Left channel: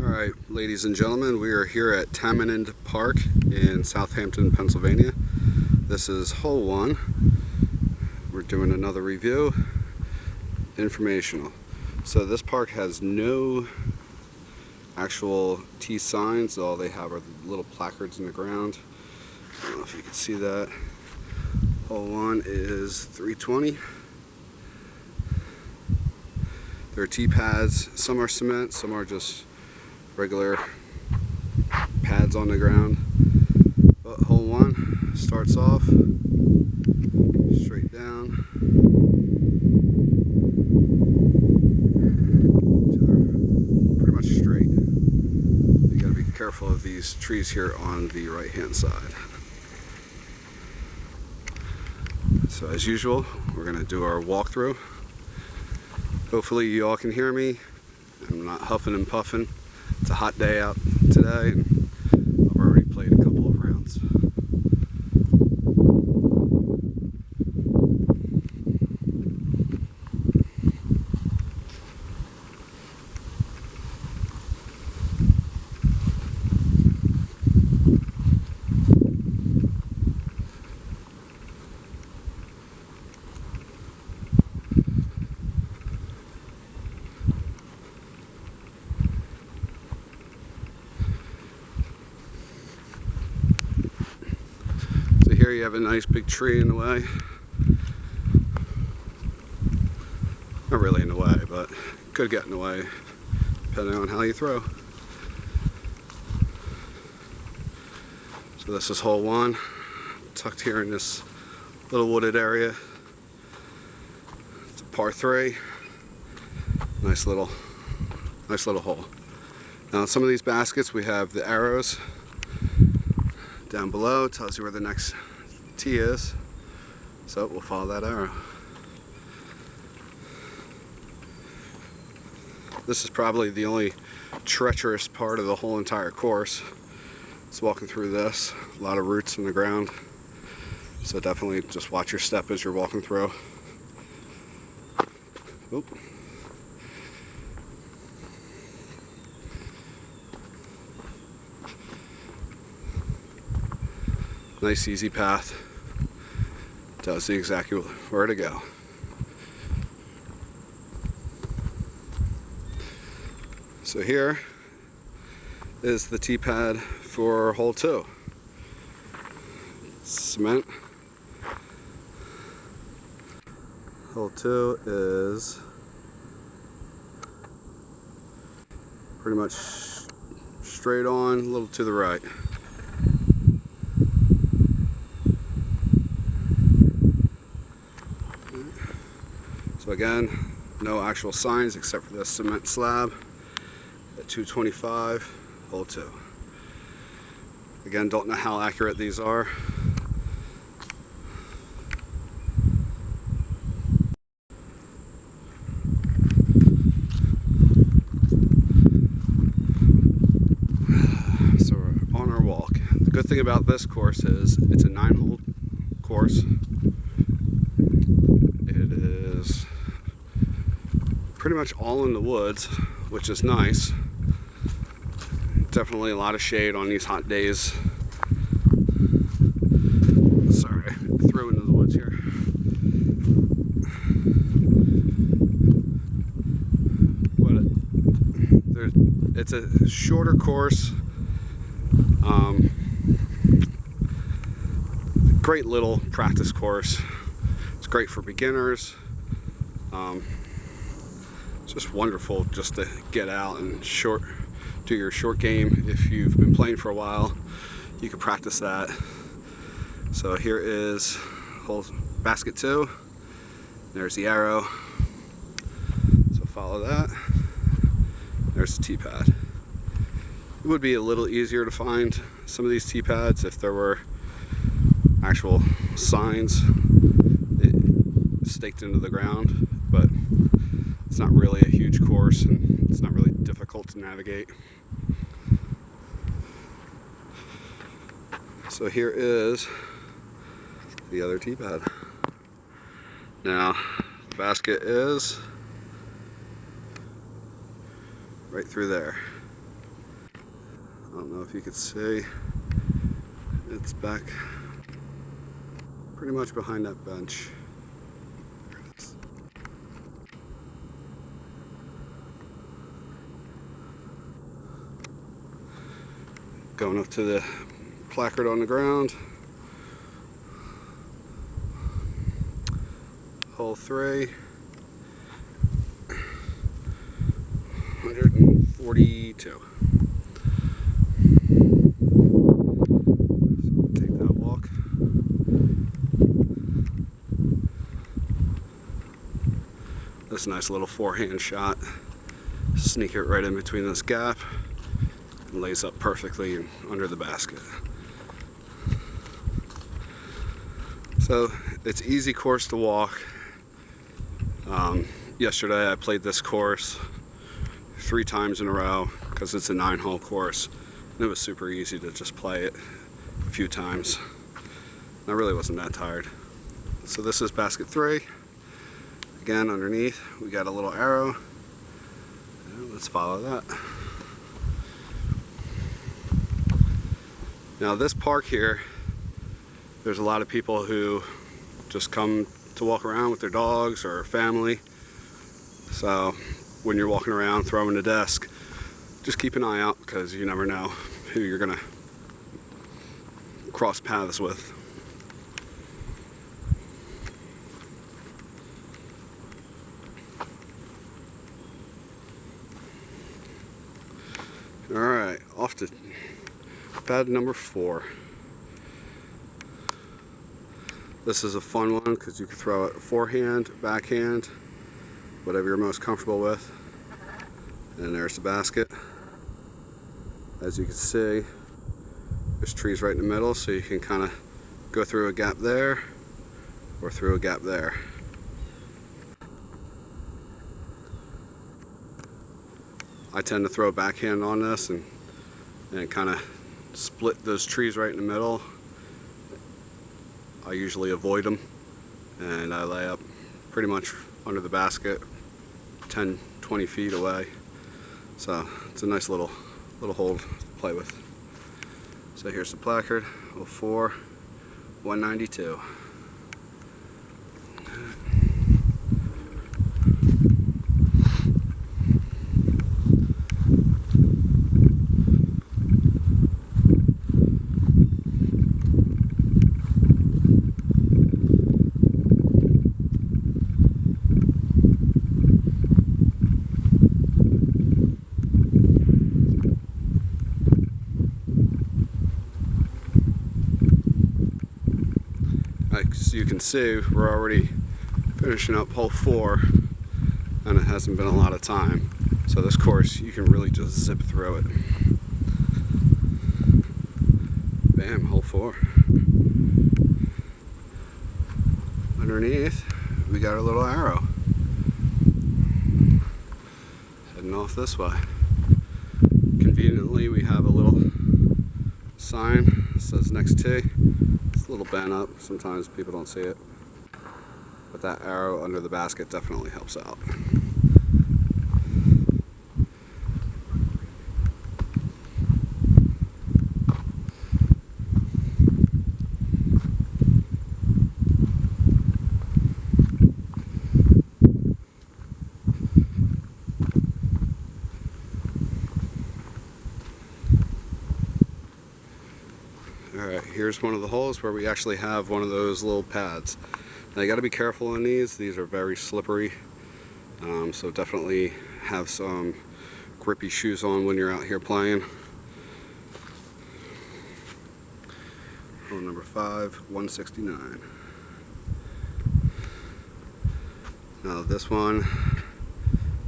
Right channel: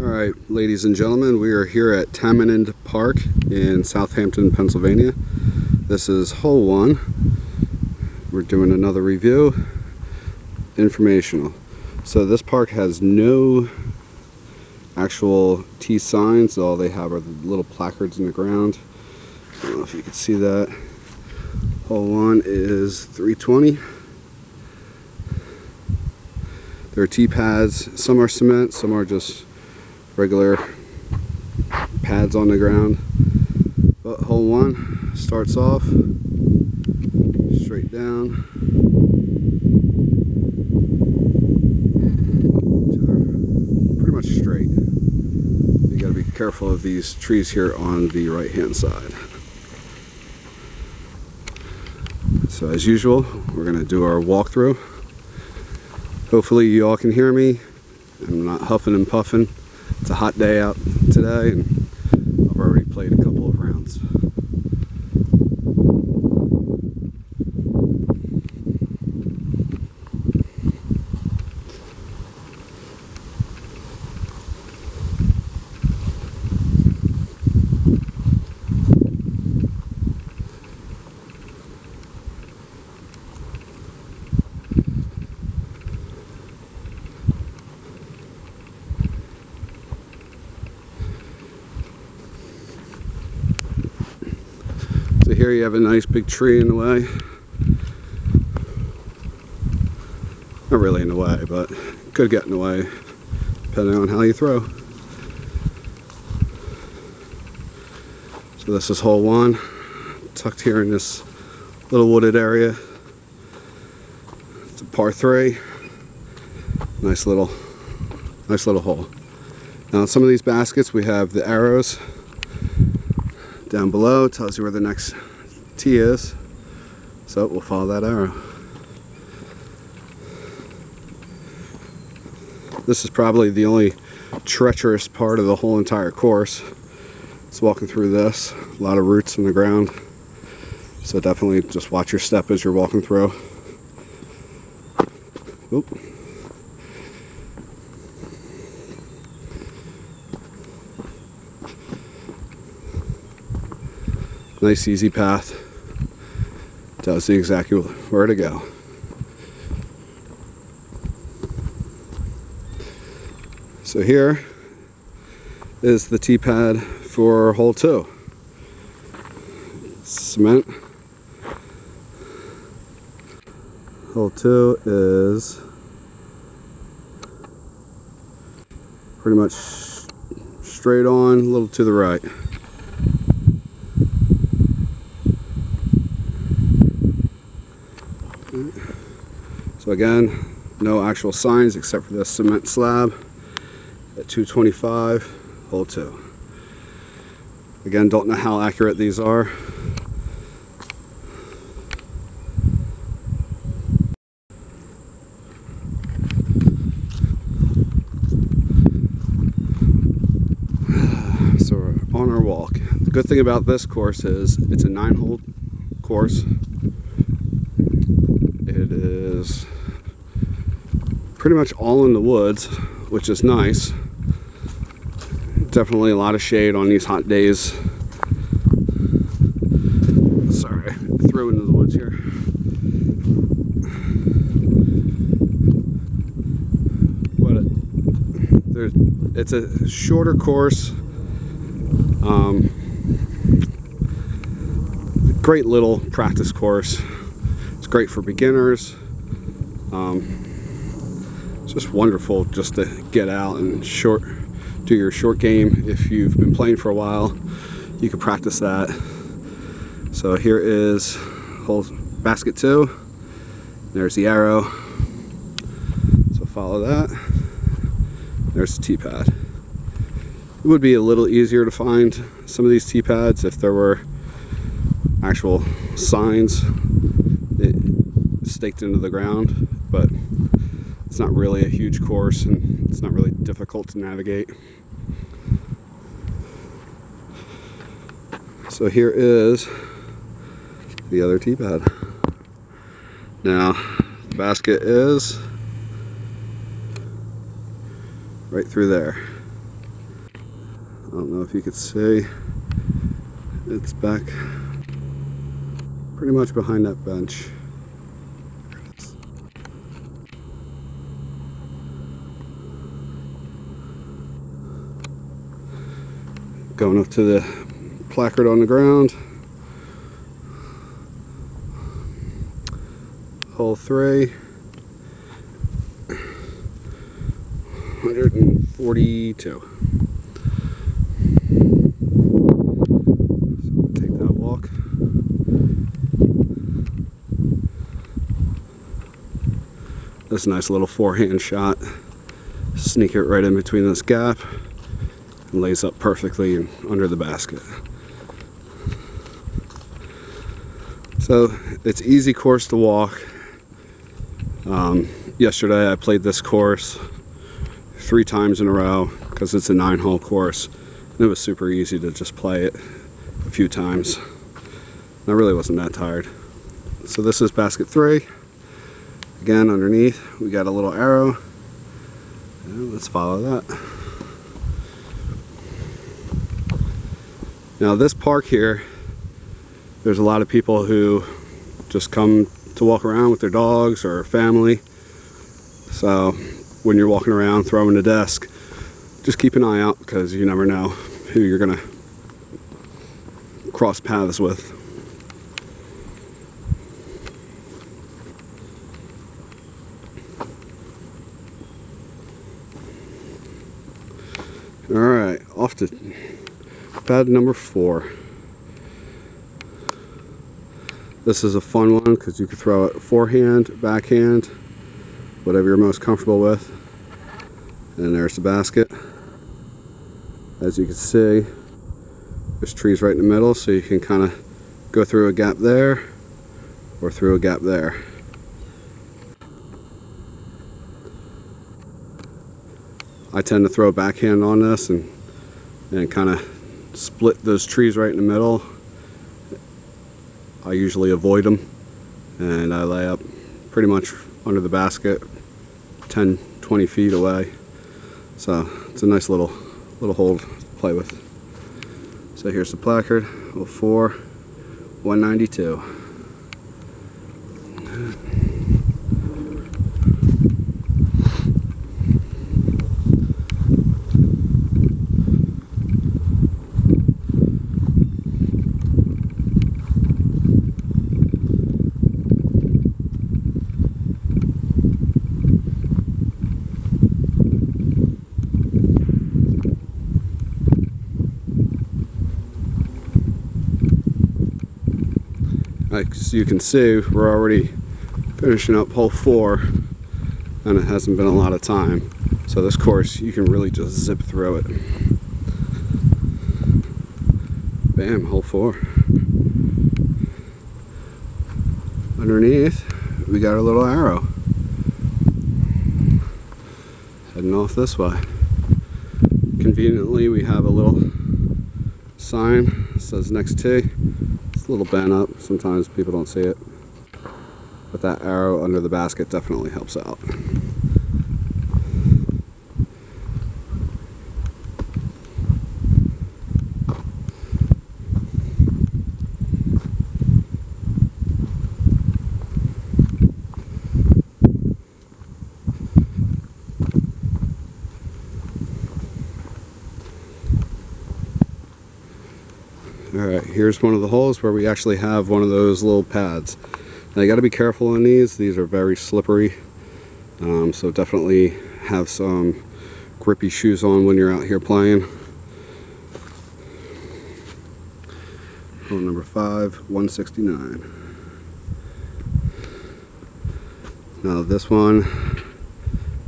Alright, ladies and gentlemen, we are here at Tamanend Park in Southampton, Pennsylvania. This is hole 1. We're doing another review, informational. So this park has no actual tee signs. All they have are the little placards in the ground. I don't know if you can see that. Hole 1 is 320. There are tee pads. Some are cement, some are just regular pads on the ground. But hole 1 starts off straight down to the pretty much straight. You got to be careful of these trees here on the right hand side. So as usual, we're going to do our walkthrough. Hopefully you all can hear me. I'm not huffing and puffing. It's a hot day out today, and I've already played a couple of rounds. So here you have a nice big tree in the way. Not really in the way, but it could get in the way depending on how you throw. So this is hole 1, tucked here in this little wooded area. It's a par 3. Nice little hole. Now in some of these baskets we have the arrows down below. It tells you where the next tee is, so we'll follow that arrow. This is probably the only treacherous part of the whole entire course. It's walking through this, a lot of roots in the ground, so definitely just watch your step as you're walking through. Oop. Nice easy path. Tells you exactly where to go. So here is the tee pad for hole 2. Cement. Hole 2 is pretty much straight on, a little to the right. So again, no actual signs except for this cement slab at 225, hole 2. Again, don't know how accurate these are. So we're on our walk. The good thing about this course is it's a 9-hole course. It is pretty much all in the woods, which is nice. Definitely a lot of shade on these hot days. Sorry, I threw into the woods here. But it's a shorter course. Great little practice course. It's great for beginners. It's just wonderful just to get out and do your short game. If you've been playing for a while, you can practice that. So here is hole basket 2. There's the arrow. So follow that. There's the tee pad. It would be a little easier to find some of these tee pads if there were actual signs staked into the ground, but it's not really a huge course and it's not really difficult to navigate. So here is the other tee pad. Now, the basket is right through there. I don't know if you could see. It's back pretty much behind that bench. Going up to the placard on the ground. Hole 3. 142. So take that walk. This nice little forehand shot. Sneak it right in between this gap and lays up perfectly and under the basket. So it's easy course to walk. Yesterday I played this course 3 times in a row because it's a 9-hole course, and it was super easy to just play it a few times. And I really wasn't that tired. So this is basket 3. Again, underneath we got a little arrow, and let's follow that. Now this park here, there's a lot of people who just come to walk around with their dogs or family. So when you're walking around throwing the disc, just keep an eye out because you never know who you're gonna cross paths with. Alright, off to pad number 4. This is a fun one because you can throw it forehand, backhand, whatever you're most comfortable with. And there's the basket. As you can see, there's trees right in the middle, so you can kind of go through a gap there or through a gap there. I tend to throw a backhand on this and kind of split those trees right in the middle. I usually avoid them, and I lay up pretty much under the basket 10-20 feet away. So it's a nice little hole to play with. So here's the placard, hole 4, 192. As you can see, we're already finishing up hole 4, and it hasn't been a lot of time. So this course, you can really just zip through it. Bam, hole 4. Underneath, we got our little arrow. Heading off this way. Conveniently, we have a little sign that says next tee. A little bent up, sometimes people don't see it, but that arrow under the basket definitely helps out. Alright, here's one of the holes where we actually have one of those little pads. Now you got to be careful on these are very slippery, so definitely have some grippy shoes on when you're out here playing. Hole number 5, 169. Now this one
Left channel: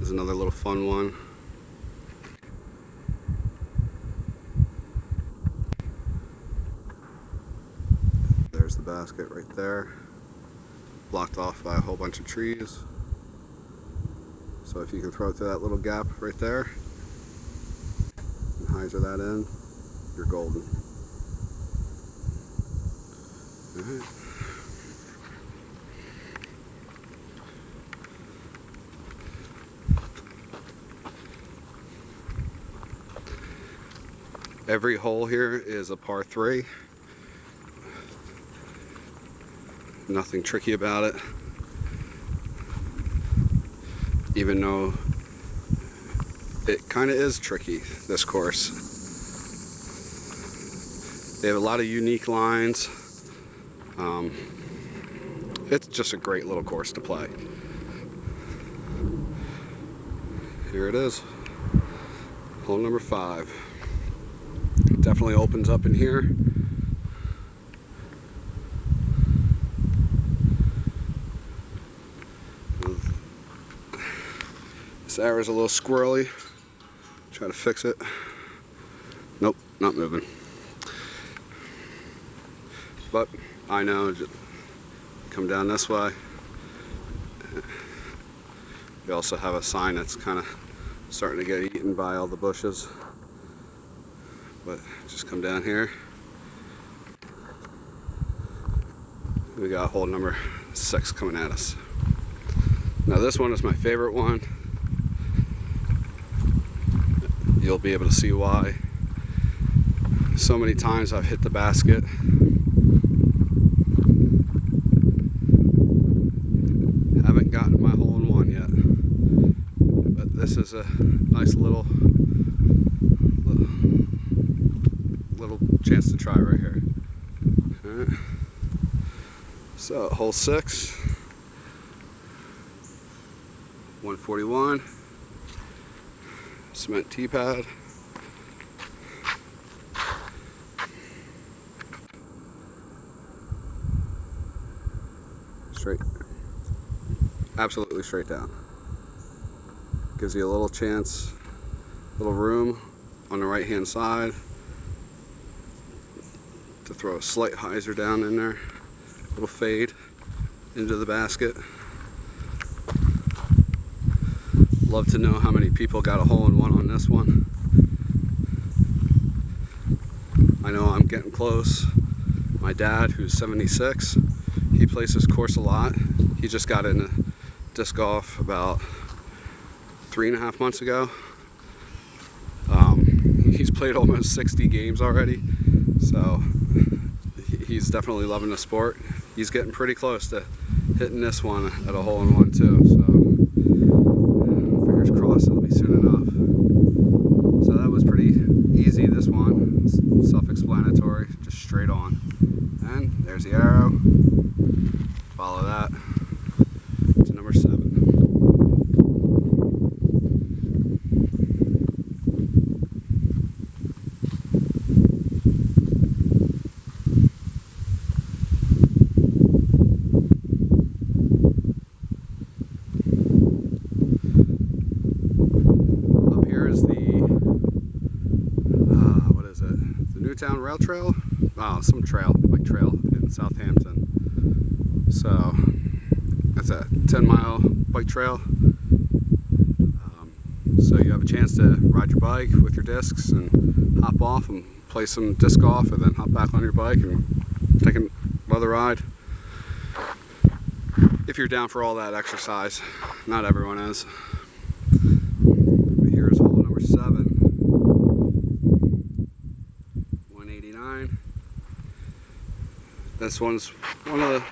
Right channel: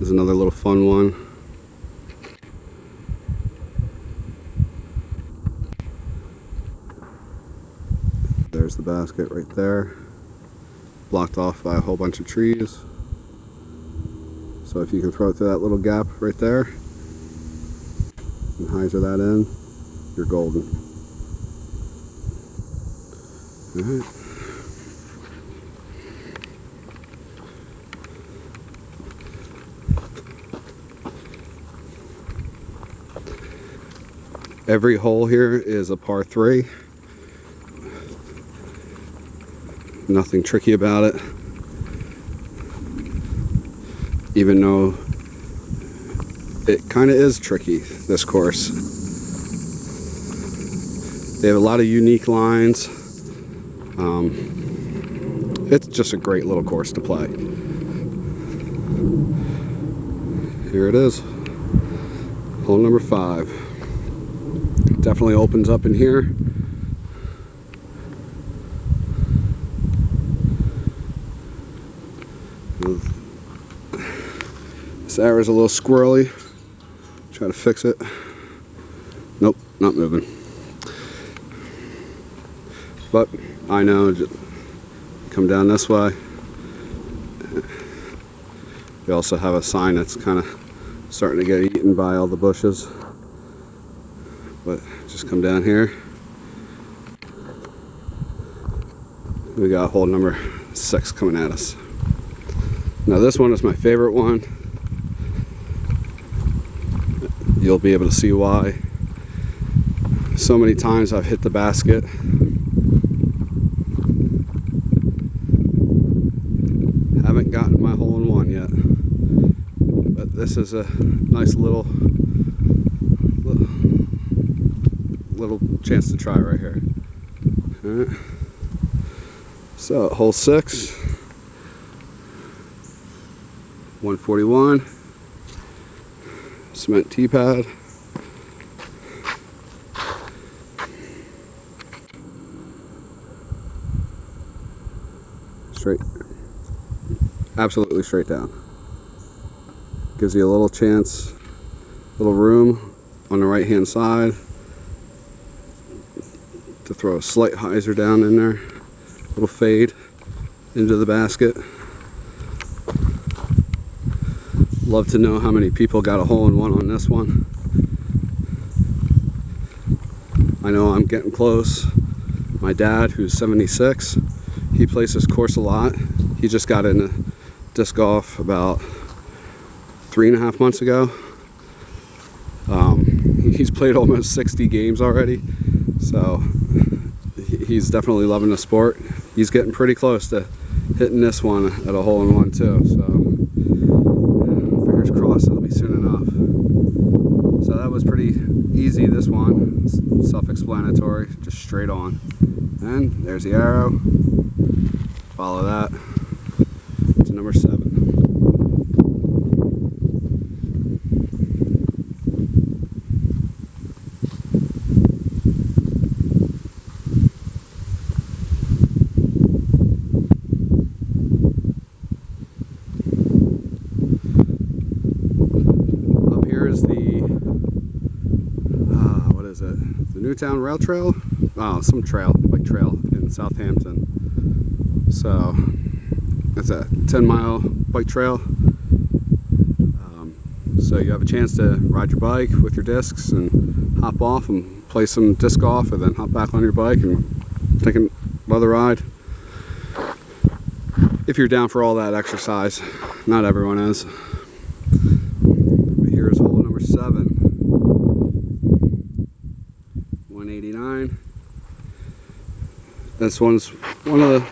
is another little fun one. There's the basket right there, blocked off by a whole bunch of trees. So if you can throw it through that little gap right there and hyzer that in, you're golden. Alright. Every hole here is a par 3. Nothing tricky about it. Even though it kind of is tricky, this course. They have a lot of unique lines. It's just a great little course to play. Here it is. Hole number 5. Definitely opens up in here. This arrow's a little squirrely. Try to fix it. Nope, not moving. But I know, come down this way. We also have a sign that's kind of starting to get eaten by all the bushes. But just come down here. We got hole number 6 coming at us. Now this one is my favorite one. You'll be able to see why. So many times I've hit the basket. Haven't gotten my hole in one yet. But this is a nice little chance to try right here. All right. So hole 6, 141, cement tee pad. Straight, absolutely straight down. Gives you a little chance, little room on the right hand side to throw a slight hyzer down in there, little fade into the basket. Love to know how many people got a hole in one on this one. I know I'm getting close. My dad, who's 76, he plays this course a lot. He just got into disc golf about 3.5 months ago. He's played almost 60 games already, so he's definitely loving the sport. He's getting pretty close to hitting this one at a hole in one too, so fingers crossed it'll be soon enough. So that was pretty easy, this one. Self-explanatory, just straight on. And there's the arrow. Follow that to number 7. Up here is the, what is it? The Newtown Rail Trail? Oh, some trail, like trail in Southampton. So that's a 10-mile bike trail. So you have a chance to ride your bike with your discs and hop off and play some disc golf, and then hop back on your bike and take another ride. If you're down for all that exercise, not everyone is. But here's hole number 7, 189. This one's one of the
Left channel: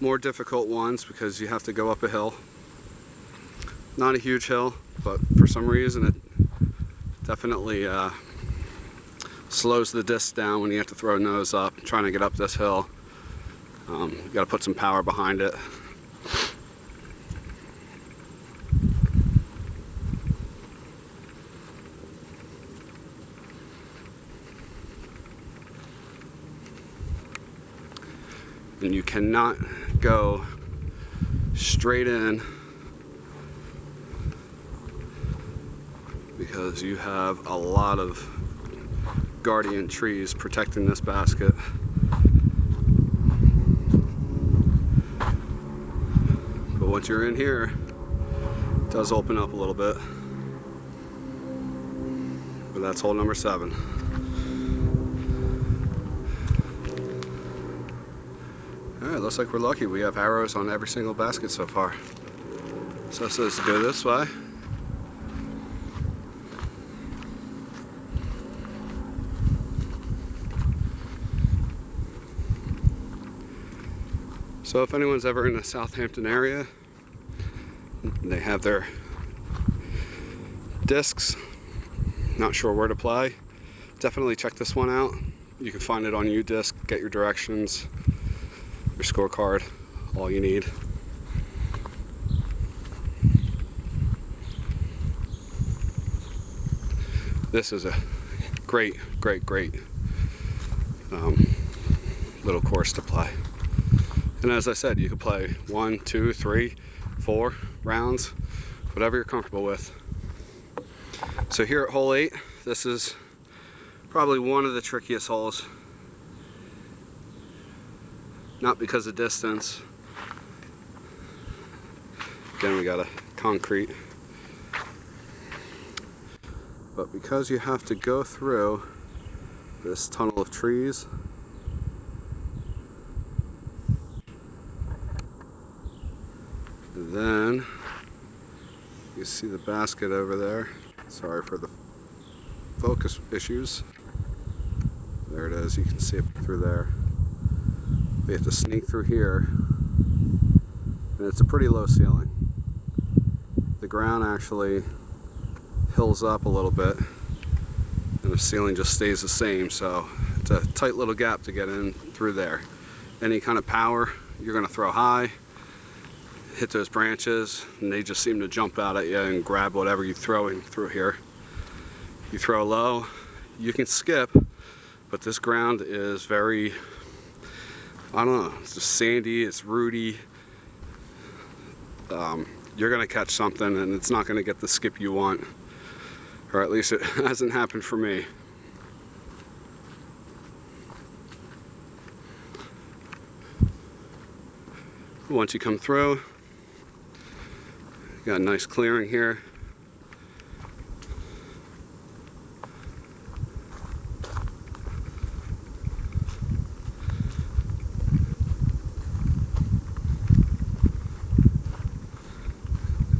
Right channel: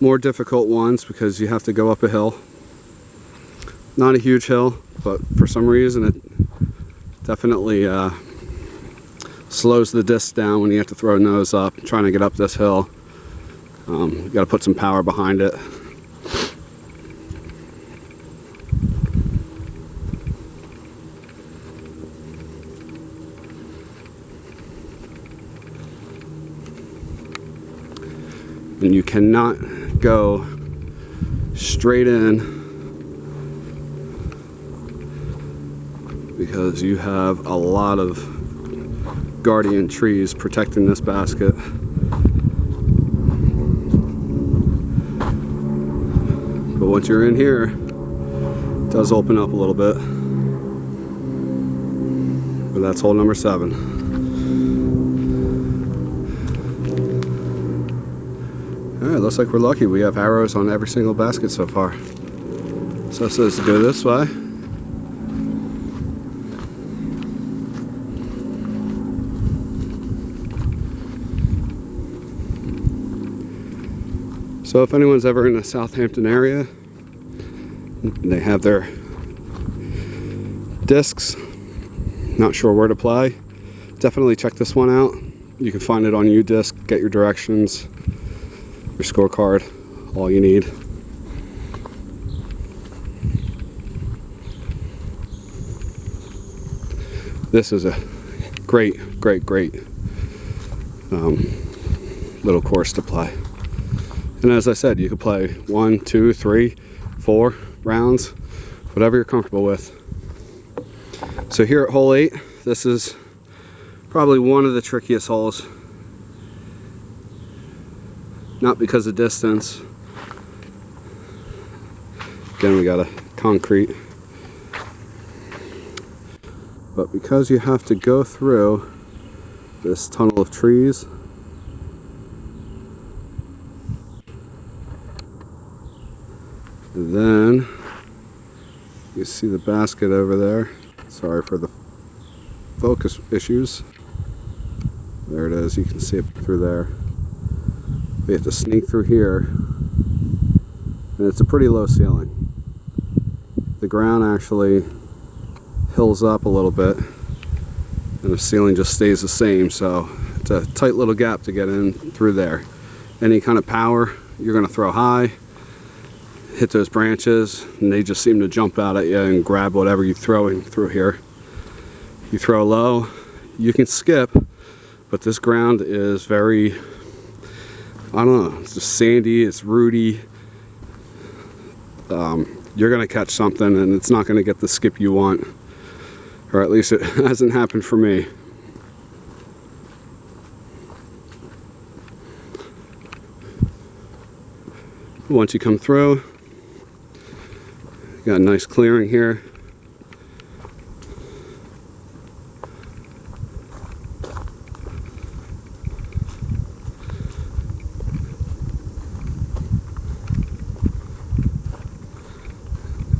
more difficult ones because you have to go up a hill. Not a huge hill, but for some reason it definitely slows the disc down when you have to throw a nose up trying to get up this hill. You got to put some power behind it. And you cannot go straight in because you have a lot of guardian trees protecting this basket. But once you're in here, it does open up a little bit. But that's hole number 7. Alright, looks like we're lucky. We have arrows on every single basket so far. So it says to go this way. So if anyone's ever in the Southampton area, they have their discs, not sure where to play, definitely check this one out. You can find it on UDisc, get your directions, your scorecard, all you need. This is a great little course to play. And as I said, you could play 1, 2, 3, 4 rounds, whatever you're comfortable with. So here at hole 8, this is probably one of the trickiest holes. Not because of distance. Again, we got a concrete. But because you have to go through this tunnel of trees. And then you see the basket over there. Sorry for the focus issues. There it is, you can see it through there. We have to sneak through here, and it's a pretty low ceiling. The ground actually hills up a little bit, and the ceiling just stays the same, so it's a tight little gap to get in through there. Any kind of power you're going to throw high, hit those branches, and they just seem to jump out at you and grab whatever you're throwing through here. You throw low, you can skip, but this ground is very, I don't know, it's just sandy, it's rooty. You're going to catch something and it's not going to get the skip you want, or at least it hasn't happened for me. Once you come through, you got a nice clearing here.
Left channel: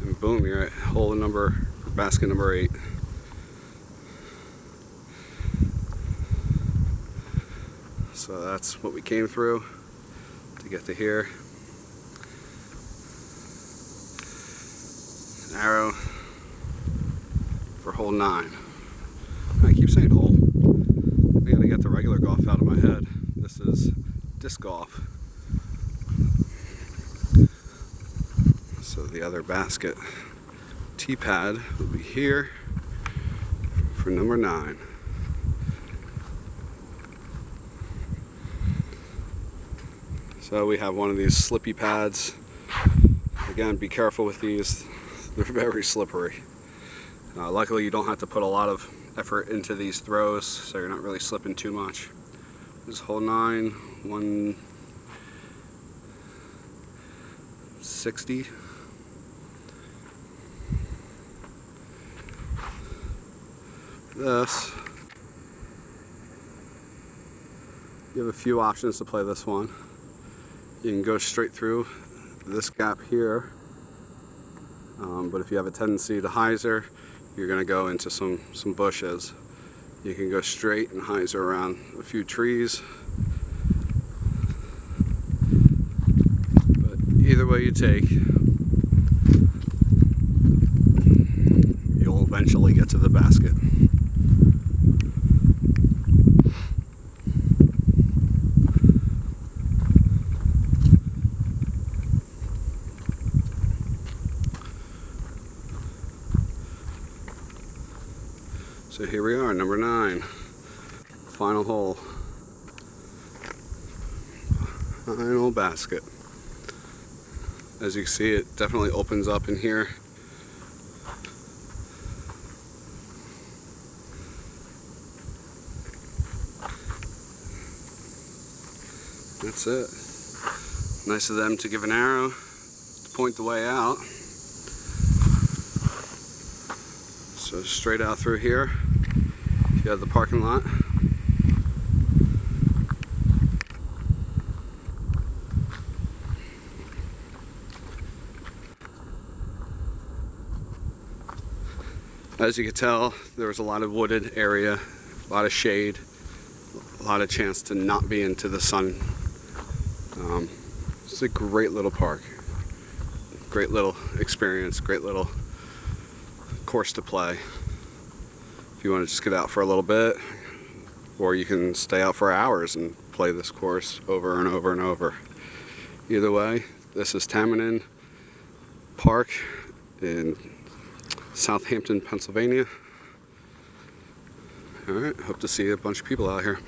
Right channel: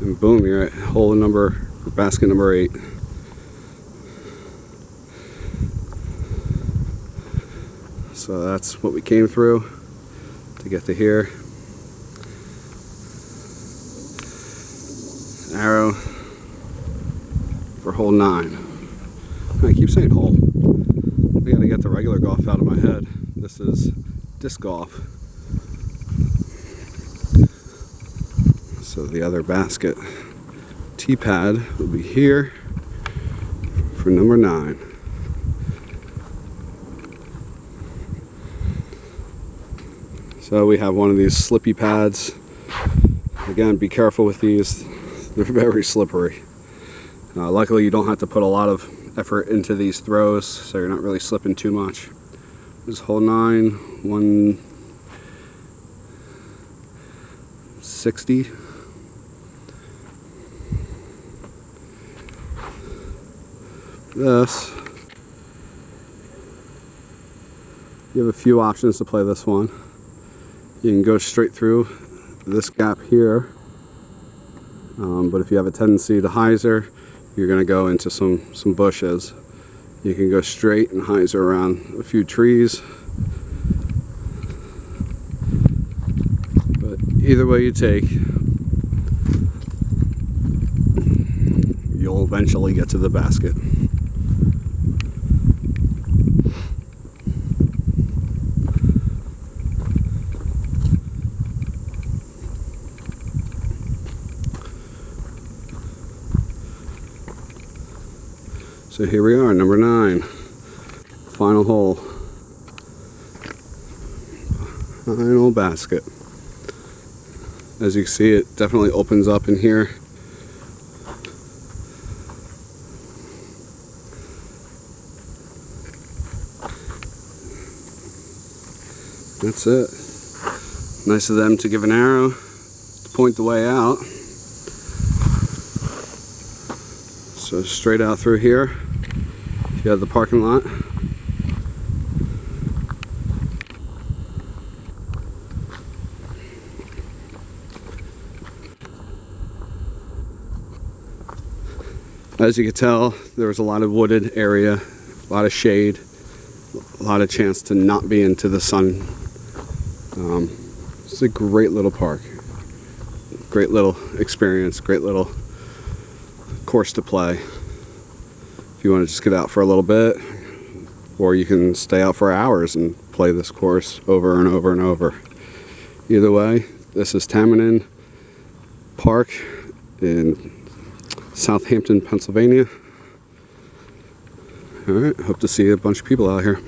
And boom, you're at hole number, or basket number 8. So that's what we came through to get to here. Arrow for hole 9. I keep saying hole. I gotta get the regular golf out of my head. This is disc golf. So the other basket tee pad will be here for number 9. So we have one of these slippy pads. Again, be careful with these. They're very slippery. Luckily you don't have to put a lot of effort into these throws, so you're not really slipping too much. This is hole 9, 160. This, you have a few options to play this one. You can go straight through this gap here, but if you have a tendency to hyzer, you're going to go into some bushes. You can go straight and hyzer around a few trees, but either way you take, you'll eventually get to the basket. So here we are, number 9, final hole, final basket. As you can see, it definitely opens up in here. That's it. Nice of them to give an arrow to point the way out. So straight out through here, you have the parking lot. As you can tell, there was a lot of wooded area, a lot of shade, a lot of chance to not be into the sun. It's a great little park. Great little experience, great little course to play. If you want to just get out for a little bit, or you can stay out for hours and play this course over and over and over. Either way, this is Tamanend Park in Southampton, Pennsylvania. All right, hope to see a bunch of people out here.